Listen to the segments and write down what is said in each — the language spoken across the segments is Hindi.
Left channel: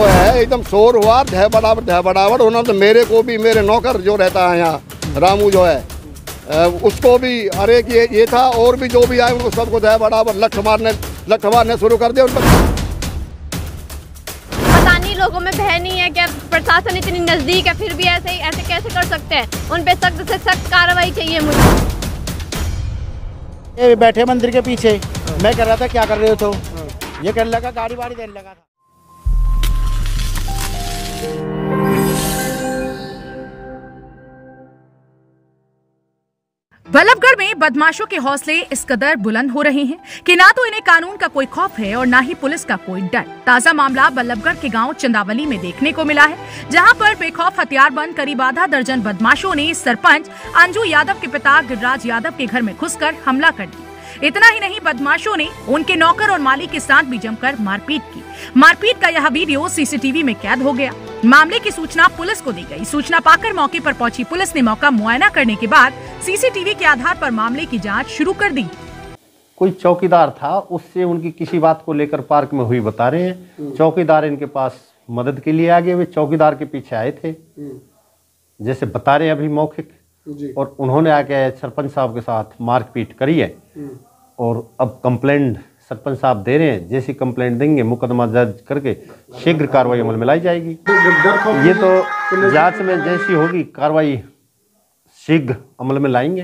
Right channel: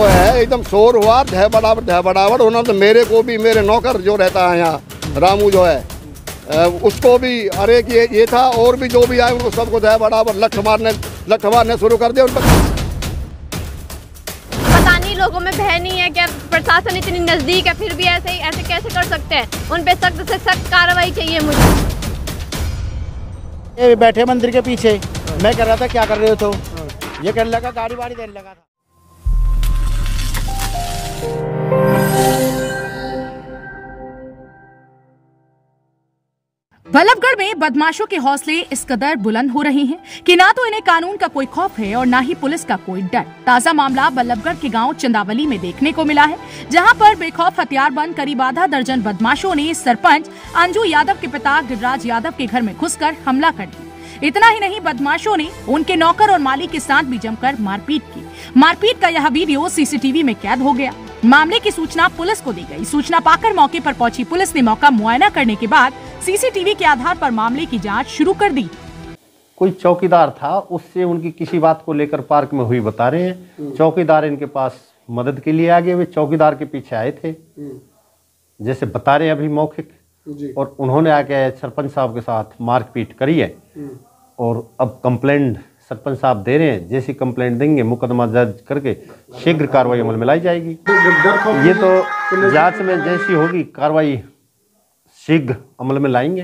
वो है एकदम शोर हुआ ढह बड़ावट उन्होंने तो मेरे को भी, मेरे नौकर जो रहता है यहाँ रामू जो है उसको भी, अरे कि ये था और भी जो भी आए उनको सबको ढह बड़ावट लठ मारने शुरू कर दिया। उनको पता नहीं लोगों में भय नहीं है क्या? प्रशासन इतनी नजदीक है फिर भी ऐसे कैसे कर सकते हैं? उन पे सख्त से सख्त कार्रवाई चाहिए मुझे। ये बैठे मंदिर के पीछे, मैं कर रहा था क्या कर रहे हो तो ये करने लगा, गाड़ी वाड़ी देने लगा था। बल्लभगढ़ में बदमाशों के हौसले इस कदर बुलंद हो रहे हैं कि ना तो इन्हें कानून का कोई खौफ है और ना ही पुलिस का कोई डर। ताजा मामला बल्लभगढ़ के गांव चंदावली में देखने को मिला है, जहां पर बेखौफ हथियारबंद करीब आधा दर्जन बदमाशों ने सरपंच अंजू यादव के पिता गिरिराज यादव के घर में घुसकर हमला कर दिया। इतना ही नहीं, बदमाशों ने उनके नौकर और माली के साथ भी जमकर मारपीट की। मारपीट का यह वीडियो सीसीटीवी में कैद हो गया। मामले की सूचना पुलिस को दी गई। सूचना पाकर मौके पर पहुंची पुलिस ने मौका मुआयना करने के बाद सीसीटीवी के आधार पर मामले की जांच शुरू कर दी। कोई चौकीदार था, उससे उनकी किसी बात को लेकर पार्क में हुई बता रहे हैं। चौकीदार इनके पास मदद के लिए आ गए, वे चौकीदार के पीछे आए थे जैसे बता रहे हैं अभी मौखिक, और उन्होंने आके सरपंच साहब के साथ मारपीट करी है। और अब कंप्लेंट सरपंच साहब दे रहे हैं, जैसी कंप्लेंट देंगे मुकदमा दर्ज करके शीघ्र कार्रवाई अमल में लाई जाएगी। ये तो जांच में जैसी होगी कार्रवाई शीघ्र अमल में लाएंगे।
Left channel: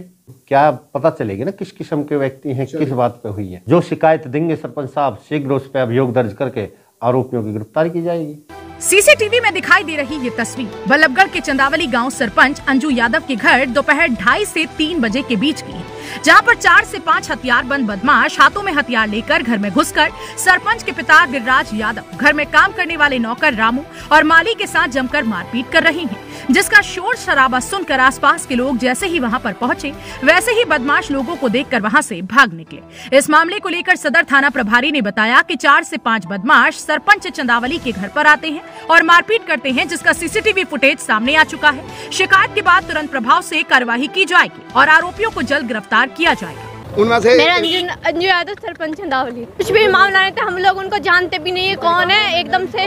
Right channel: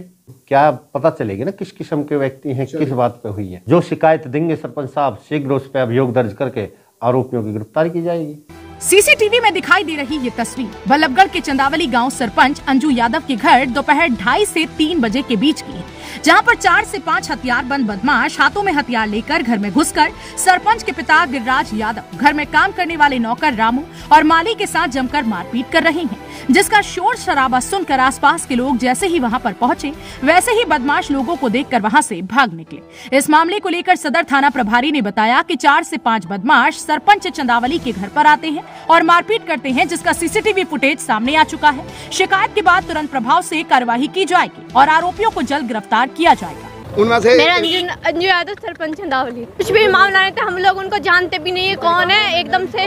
क्या पता चलेगी ना किस किस्म के व्यक्ति हैं, किस बात पे हुई है। जो शिकायत देंगे सरपंच साहब शीघ्र उस पर अभियोग दर्ज करके आरोपियों की गिरफ्तारी की जाएगी। सीसीटीवी में दिखाई दे रही ये तस्वीर बल्लभगढ़ के चंदावली गांव सरपंच अंजू यादव के घर दोपहर 2:30 से 3 बजे के बीच की, जहां पर 4 से 5 हथियारबंद बदमाश हाथों में हथियार लेकर घर में घुसकर सरपंच के पिता गिरिराज यादव, घर में काम करने वाले नौकर रामू और माली के साथ जमकर मारपीट कर रहे हैं, जिसका शोर शराबा सुनकर आसपास के लोग जैसे ही वहां पर पहुंचे वैसे ही बदमाश लोगों को देखकर वहां से भाग निकले। इस मामले को लेकर सदर थाना प्रभारी ने बताया कि 4 से 5 बदमाश सरपंच चंदावली के घर पर आते हैं और मारपीट करते हैं, जिसका सीसीटीवी फुटेज सामने आ चुका है। शिकायत के बाद तुरंत प्रभाव से कार्यवाही की जाएगी और आरोपियों को जल्द गिरफ्तार किया जाएगा। उनमें से मेरा अंजू यादव सरपंच चंदावली। कुछ भी मामला नहीं था, हम लोग उनको जानते भी नहीं है कौन है। एकदम से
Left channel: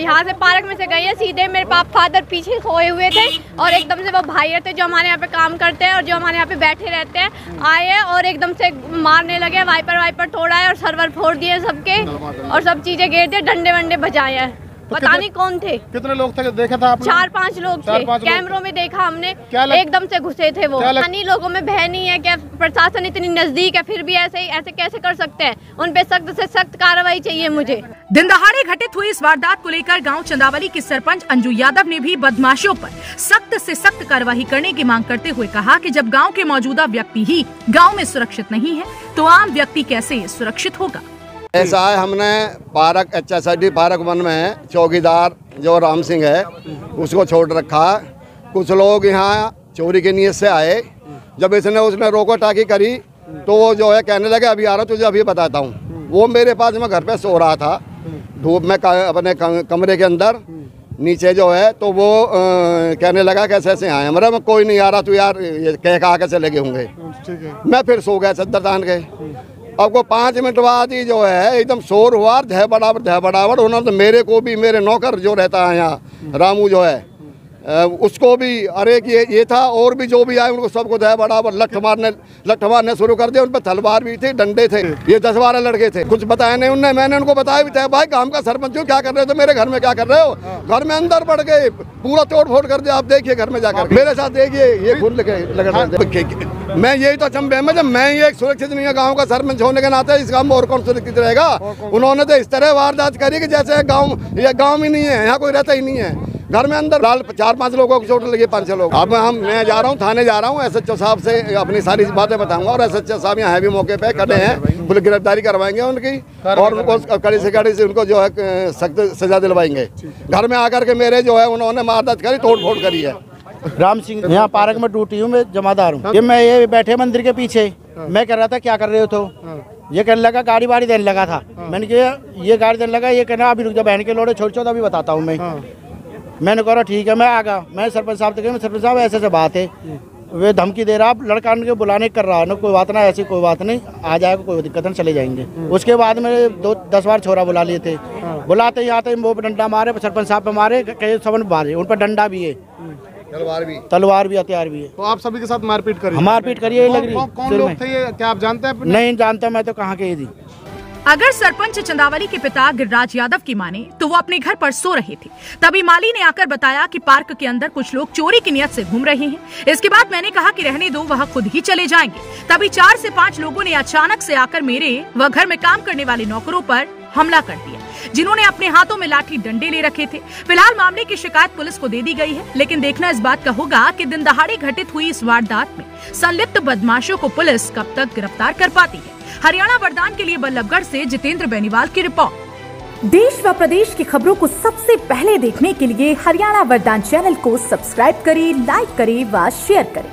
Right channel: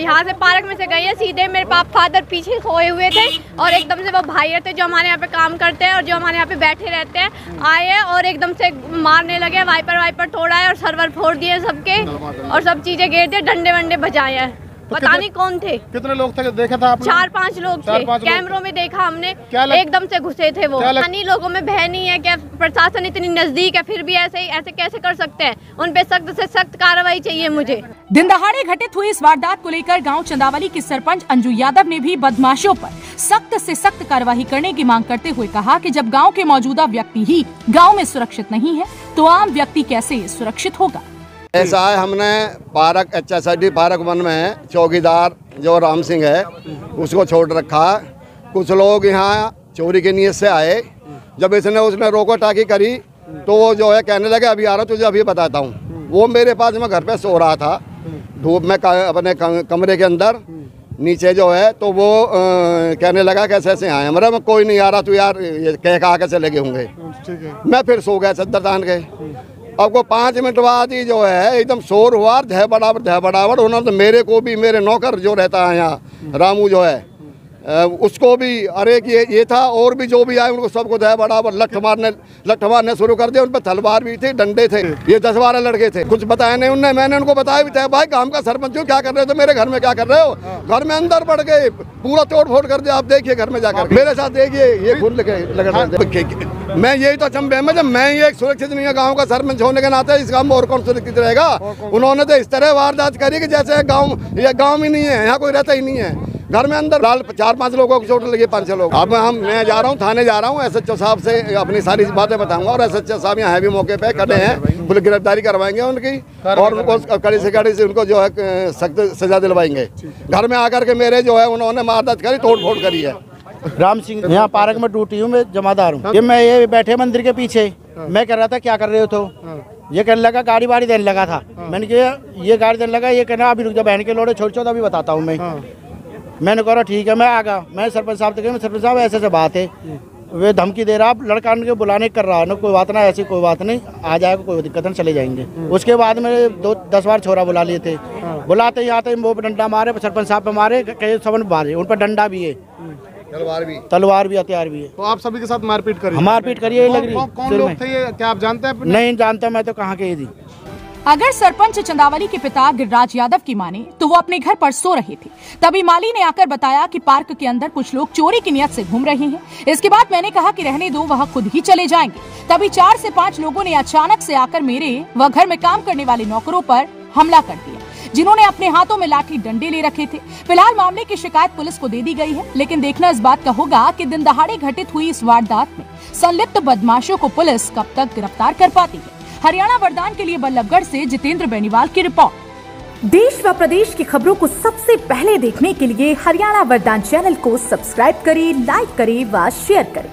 यहाँ से पार्क में से गए हैं, सीधे मेरे फादर पीछे सोए हुए थे और एकदम से वो भाई थे जो हमारे यहाँ पे काम करते हैं और जो हमारे यहाँ पे बैठे रहते हैं, आए हैं और एकदम से मारने लगे। वाइपर तोड़ा है और सर्वर फोड़ दिए सबके और सब चीजें गिर दिए, डंडे वंडे बजाए हैं। पता नहीं कौन थे, कितने लोग थे देखा था आपने? 4-5 लोग थे, कैमरों में देखा हमने। एकदम से घुसे थे वो। नहीं, लोगों में भय नहीं है क्या? प्रशासन इतनी नजदीक है फिर भी ऐसे कैसे कर सकते हैं? उन पे सख्त से सख्त कार्रवाई चाहिए मुझे। दिन दहाड़े घटित हुई इस वारदात को लेकर गांव चंदावली की सरपंच अंजू यादव ने भी बदमाशों पर सख्त से सख्त कार्रवाई करने की मांग करते हुए कहा कि जब गांव के मौजूदा व्यक्ति ही गांव में सुरक्षित नहीं है तो आम व्यक्ति कैसे सुरक्षित होगा। ऐसा है, हमने पार्क HSID पार्क 1 में चौकीदार जो राम सिंह है उसको छोड़ रखा। कुछ लोग यहाँ चोरी के नियत से आए, जब उसने रोको टाकी करी तो वो जो है कहने लगे अभी आ रहा हूँ, तुझे अभी बताता हूँ। वो मेरे पास में घर पे सो रहा था धूप में अपने कमरे के अंदर नीचे जो है, तो वो कहने लगा कैसे ऐसे आए। हमारा मैं कोई नहीं आ रहा, तू यार ये कह के चले गए होंगे। मैं फिर सो गया चद्दर तान के। अब को 5 मिनट बाद ही जो है एकदम शोर हुआ ढह बड़ावट उन्होंने तो मेरे को भी, मेरे नौकर जो रहता है यहाँ रामू जो है उसको भी, अरे कि ये था और भी जो भी आए उनको सबको ढह बड़ावट लठ मारने शुरू कर दिया। उन पर तलवार भी थी, डंडे थे। ये 10-12 लड़के थे। कुछ बताया नहीं उनने, मैंने उनको बताया भी था, भाई काम का सरपंच हो, क्या कर रहे हो? तो मेरे घर में क्या कर रहे हो? घर में अंदर बढ़ गए, पूरा तोड़ फोड़ कर दिया। आप देखिए घर में जाकर मेरे साथ देखिए, ये खून लगे। मैं यही तो अचंभे में, जब मैं ये एक सुरक्षित नहीं है गांव का सरपंच होने के नाते, इस गांव में और कौन सुरक्षित रहेगा? उन्होंने तो इस तरह वारदात करी कि जैसे गांव ही नहीं है, यहाँ कोई रहता ही नहीं है। घर में अंदर 4-5 लोगों को चोट लगी, 5-6 लोग। अब मैं जा रहा हूँ थाने जा रहा हूँ, SHO साहब से अपनी सारी बातें बताऊंगा और SHO साहब यहाँ भी मौके पे खड़े हैं, पुलिस गिरफ्तारी करवाएंगे उनकी और उनको कड़ी से उनको जो है सख्त सजा दिलवाएंगे। घर में आकर के मेरे जो है उन्होंने वारदात करी, तोड़ फोड़ करी है। राम सिंह यहाँ पार्क में ड्यूटी हूँ, मैं जमादार हूँ। ये मैं ये बैठे मंदिर के पीछे, मैं कर रहा था क्या कर रहे हो तो ये करने लगा, गाड़ी वाड़ी देने लगा था। मैंने कहा ये गाड़ी देने लगा, ये कहना अभी रुक जा, बहन के लोड़े छोड़ अभी बताता हूँ मैं। मैंने कहा ठीक है, मैं आ गया। मैं सरपंच साहब से कहा, सरपंच साहब ऐसे बात है, वे धमकी दे रहा, लड़का उनके बुलाने कर रहा है ना, कोई बात ना, ऐसी कोई बात नहीं, आ जाएगा, कोई दिक्कत नहीं, चले जाएंगे। उसके बाद में 10 बार छोरा बुला लिए थे। बुलाते ही आते वो डंडा मारे, सरपंच साहब पे मारे, कई सबन मारे, उन पर डंडा भी है, तलवार भी, हथियार भी है। तो आप सभी के साथ मारपीट करी? मारपीट करिए लग रही। कौन लोग थे ये, क्या आप जानते हैं? नहीं जानता, मैं तो कहाँ के थी। अगर सरपंच चंदावली के पिता गिरिराज यादव की माने तो वो अपने घर पर सो रहे थे, तभी माली ने आकर बताया कि पार्क के अंदर कुछ लोग चोरी की नियत से घूम रहे हैं। इसके बाद मैंने कहा कि रहने दो, वह खुद ही चले जाएंगे। तभी 4 से 5 लोगों ने अचानक से आकर मेरे व घर में काम करने वाले नौकरों पर हमला कर दिया, जिन्होंने अपने हाथों में लाठी डंडे ले रखे थे। फिलहाल मामले की शिकायत पुलिस को दे दी गई है, लेकिन देखना इस बात का होगा कि दिन दहाड़े घटित हुई इस वारदात में संलिप्त बदमाशों को पुलिस कब तक गिरफ्तार कर पाती है। हरियाणा वरदान के लिए बल्लभगढ़ से जितेंद्र बेनीवाल की रिपोर्ट। देश व प्रदेश की खबरों को सबसे पहले देखने के लिए हरियाणा वरदान चैनल को सब्सक्राइब करें, लाइक करें व शेयर करें।